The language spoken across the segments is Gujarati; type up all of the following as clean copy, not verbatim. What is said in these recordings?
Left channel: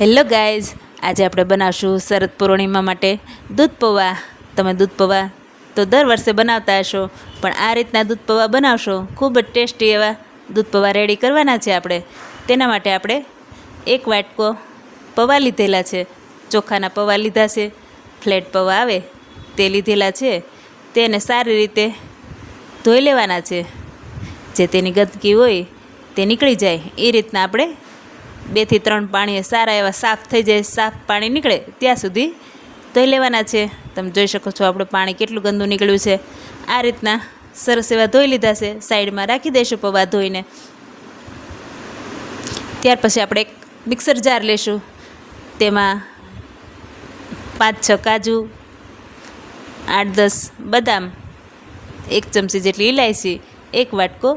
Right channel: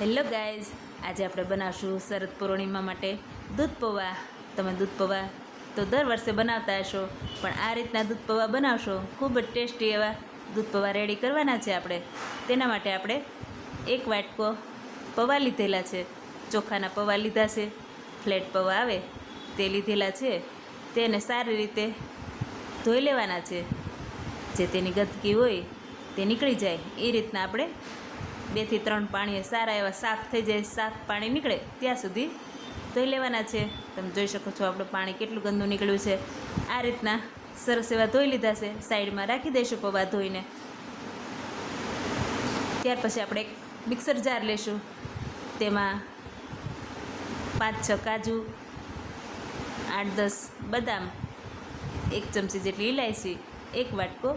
હેલો ગાઈઝ, આજે આપણે બનાવશું શરદ પૂર્ણિમા માટે દૂધ પૌવા. તમે દૂધ પૌવા તો દર વર્ષે બનાવતા હશો, પણ આ રીતના દૂધ પૌવા બનાવશો. ખૂબ જ ટેસ્ટી એવા દૂધ પૌવા રેડી કરવાના છે આપણે. તેના માટે આપણે એક વાટકો પૌવા લીધેલા છે, ચોખાના પૌવા લીધા છે, ફ્લેટ પૌવા આવે તે લીધેલા છે. તેને સારી રીતે ધોઈ લેવાના છે, જે તેની ગંદકી હોય તે નીકળી જાય એ રીતના આપણે 2 થી 3 પાણીએ સારા એવા સાફ થઈ જાય, સાફ પાણી નીકળે ત્યાં સુધી ધોઈ લેવાના છે. તમે જોઈ શકો છો આપણું પાણી કેટલું ગંદુ નીકળ્યું છે. આ રીતના સરસ એવા ધોઈ લીધા છે. સાઈડમાં રાખી દઈશું પૌવા ધોઈને. ત્યાર પછી આપણે એક મિક્સર જાર લેશું. તેમાં 5-6 કાજુ, 8-10 બદામ, 1 ચમચી જેટલી ઇલાયચી, 1 વાટકો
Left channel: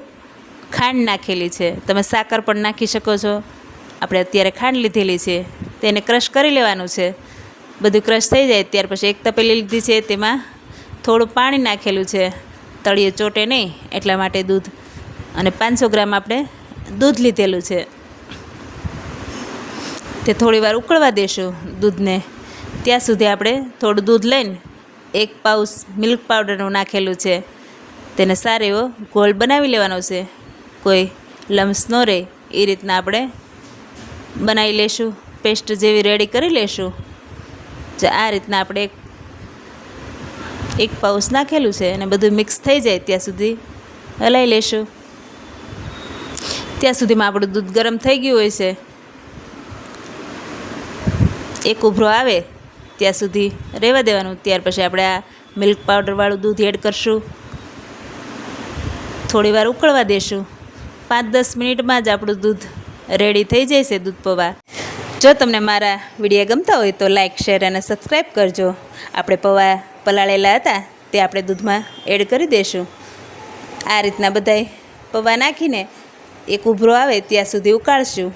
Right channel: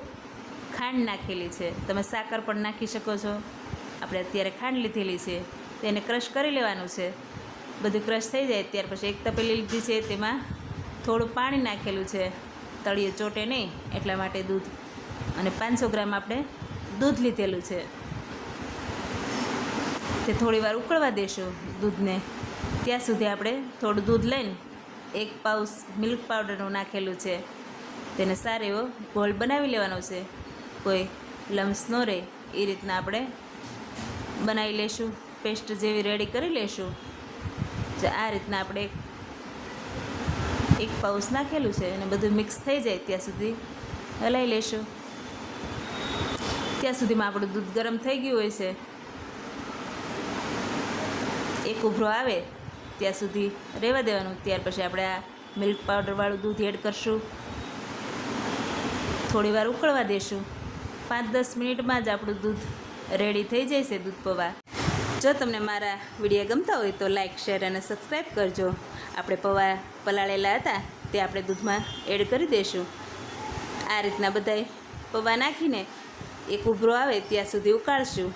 ખાંડ નાખેલી છે. તમે સાકર પણ નાખી શકો છો. આપણે અત્યારે ખાંડ લીધેલી છે, તેને ક્રશ કરી લેવાનું છે. બધું ક્રશ થઈ જાય ત્યાર પછી એક તપેલી લીધી છે, તેમાં થોડું પાણી નાખેલું છે, તળિયે ચોટે નહીં એટલા માટે દૂધ. અને 500 ગ્રામ આપણે દૂધ લીધેલું છે. તે થોડી વાર ઉકળવા દેશું દૂધને. ત્યાં સુધી આપણે થોડું દૂધ લઈને 1 પાઉચ મિલ્ક પાવડરનું નાખેલું છે. તેને સારો એવો ગોળ બનાવી લેવાનો છે, કોઈ લમ્સ ન રહે એ રીતના આપણે બનાવી લેશું. પેસ્ટ જેવી રેડી કરી લેશું. જે આ રીતના આપણે એક પાઉચ નાખેલું છે અને બધું મિક્સ થઈ જાય ત્યાં સુધી હલાવી લેશું. ત્યાં સુધીમાં આપણું દૂધ ગરમ થઈ ગયું હોય છે. એક ઉભરો આવે ત્યાં સુધી રહેવા દેવાનું. ત્યાર પછી આપણે આ મિલ્ક પાવડરવાળું દૂધ એડ કરશું. થોડી વાર ઉકળવા દેશું. 5-10 મિનિટમાં જ આપણું દૂધ રેડી થઈ જશે, દૂધ પૌવા. જો તમને મારા વિડીયો ગમતા હોય તો લાઇક, શેર અને સબસ્ક્રાઈબ કરજો. આપણે પૌવા પલાળેલા હતા તે આપણે દૂધમાં એડ કરી દઈશું. આ રીતના બધાય પૌવા નાખીને એક ઉભરો આવે ત્યાં સુધી ઉકાળશું.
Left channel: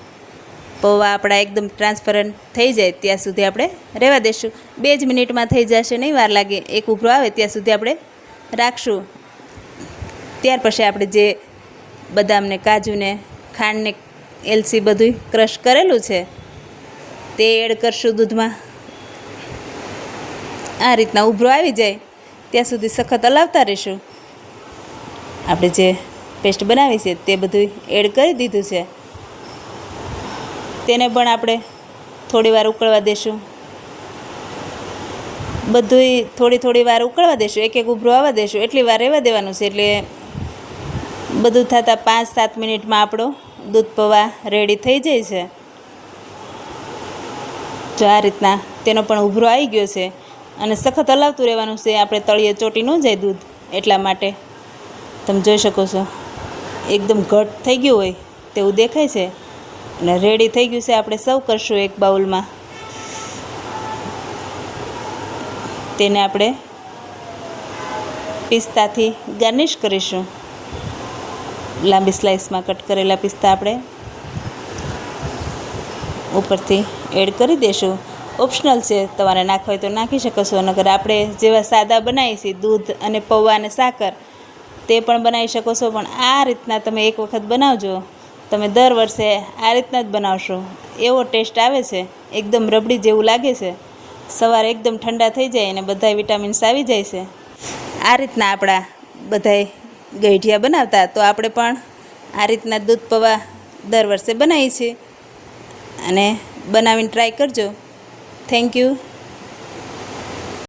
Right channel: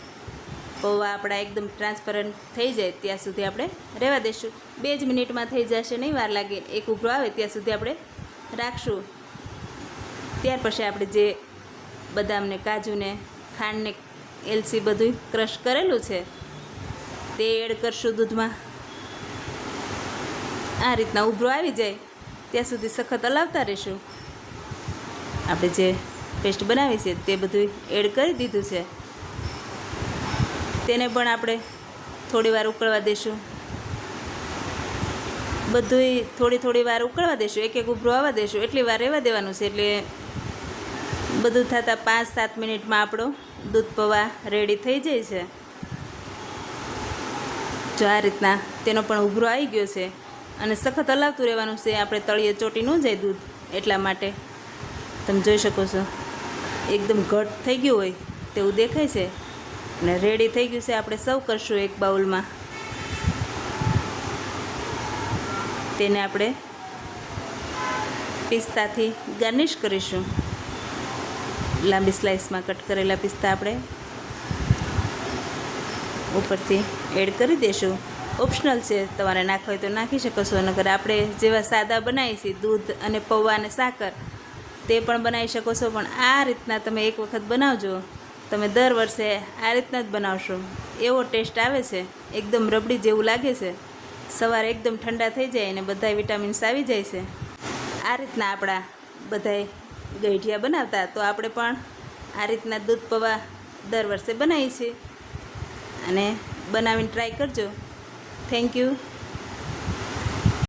પૌવા આપણા એકદમ ટ્રાન્સપરન્ટ થઈ જાય ત્યાં સુધી આપણે રહેવા દઈશું. 2 જ મિનિટમાં થઈ જશે, નહીં વાર લાગે. એક ઉભરો આવે ત્યાં સુધી આપણે રાખશું. ત્યાર પછી આપણે જે બદામને, કાજુને, ખાંડને, એલચી બધું ક્રશ કરેલું છે તે એડ કરશું દૂધમાં. આ રીતના ઉભરો આવી જાય ત્યાં સુધી સખત હલાવતા રહીશું. આપણે જે પેસ્ટ બનાવી છે તે બધું એડ કરી દીધું છે. તેને પણ આપણે થોડી વાર ઉકળવા દેશું. બધુંય થોડી વાર ઉકળવા દેશું. એક ઉભરો આવવા દેશું. એટલી વાર રહેવા દેવાનું છે. એટલે બધું થતાં 5-7 મિનિટમાં આપણો દૂધ પૌવા રેડી થઈ જાય છે. જો આ રીતના તેનો પણ ઉભરો આવી ગયો છે અને સખત હલાવતું રહેવાનું છે. આપણે તળિયે ચોટી ન જાય દૂધ એટલા માટે. તમે જોઈ શકો છો એકદમ ઘટ થઈ ગયું હોય તેવું દેખાય છે અને રેડી થઈ ગયું છે. આપણે સર્વ કરશું એક બાઉલમાં. તેને આપણે પિસ્તાથી ગાર્નિશ કરીશું. લાંબી સ્લાઇસમાં કટ કરેલા પિસ્તા આપણે ઉપરથી એડ કરી દઈશું. ઓપ્શનલ છે, તમારે નાખવા હોય તો નાખી શકો છો. નકર આપણે જેવા સાદા બનાવીએ છીએ દૂધ અને પૌવા અને સાકર તે પણ બનાવી શકો છો. પણ આ રીતના તમે એક વખત બનાવજો. તમે દર વર્ષે આ રીતના જ બનાવશો, એવો ટેસ્ટ આવે છે. એકદમ રબડી જેવું લાગે છે. સવારે એકદમ ઠંડા થઈ જાય અને બધાય વિટામિન્સ આવી જાય છે. આ રીતના આપણા બધાય ગઈઢિયા બનાવતા, તો આપણે પણ આ રીતના દૂધ પૌવા દર વર્ષે બનાવીએ છીએ. અને બનાવીને ટ્રાય કરજો. Thank you.